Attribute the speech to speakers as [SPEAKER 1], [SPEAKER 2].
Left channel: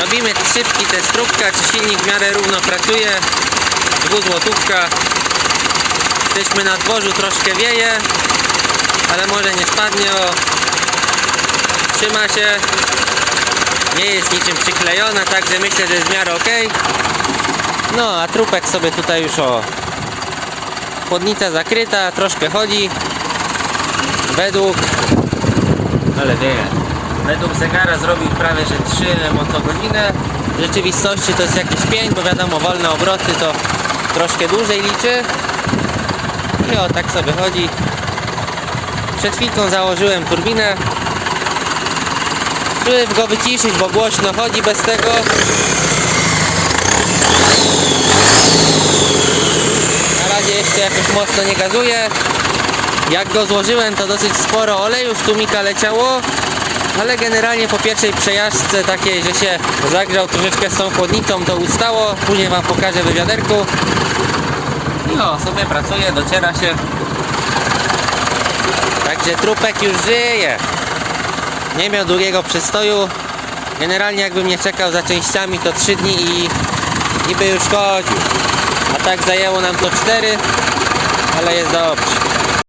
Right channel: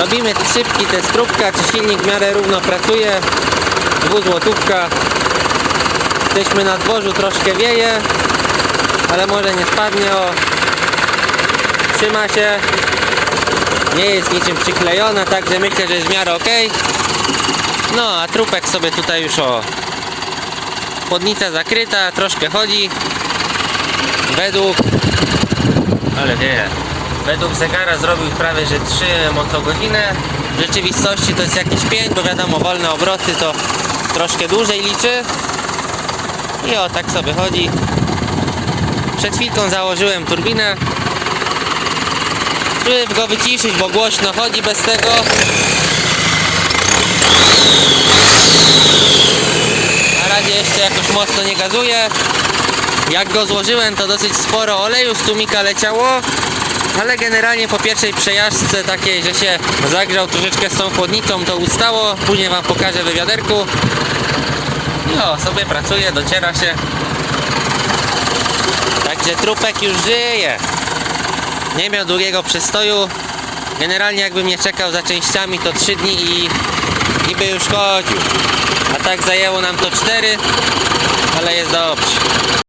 [SPEAKER 1] Robimy szybki test próbka, czy silnik w miarę równo pracuje. Dwuzłotówka. Jesteśmy na dworzu, troszkę wieje, ale może nie spadnie. O. Trzyma się. Nie jest niczym przyklejona, także myślę, że jest w miarę ok. No, a trupek sobie tutaj już o. Chłodnica zakryta, troszkę chodzi. Według. Ale wieje. Według zegara zrobił prawie że 3 motogodziny. W rzeczywistości to jest jakieś 5, bo wiadomo, wolne obroty to troszkę dłużej liczy. I o, tak sobie chodzi. Przed chwilką założyłem turbinę. Żeby go wyciszyć, bo głośno chodzi bez tego. Na razie jeszcze jakoś mocno nie gazuje. Jak go złożyłem, to dosyć sporo oleju z tłumika leciało. Ale generalnie po pierwszej przejażdżce takiej, że się zagrzał troszeczkę z tą chłodnicą, to ustało. Później Wam pokażę w wiaderku. I o, sobie pracuje, dociera się. Także trupek już żyje. Nie miał długiego przystoju. Generalnie jakbym nie czekał za częściami to 3 dni i, i by już chodził. A tak zajęło nam to 4, ale jest dobrze.